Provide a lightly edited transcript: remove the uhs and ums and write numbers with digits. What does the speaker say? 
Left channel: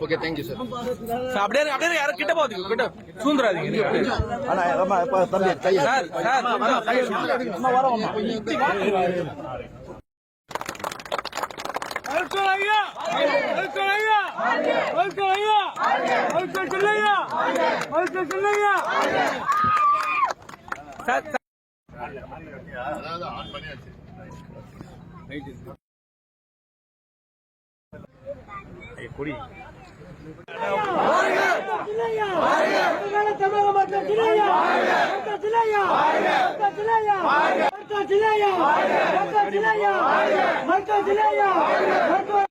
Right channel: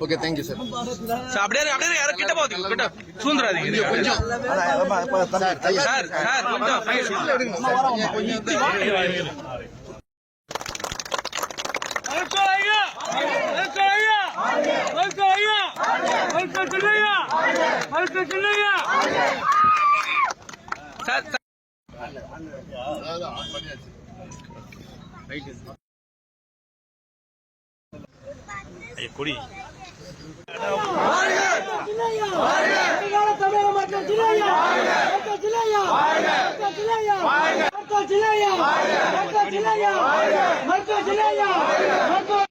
Okay thank you sir. அப்படியே யாரும் கிட்ட போகுது கிட்ட சூழ்ந்துறாதீங்க கொஞ்சம் சார் சார் கொஞ்சம் கொடி தமிழக மக்கள் ஜில்லையா ஜில்லையா ஜில்லையா ஜில்லையா ஜில்லையா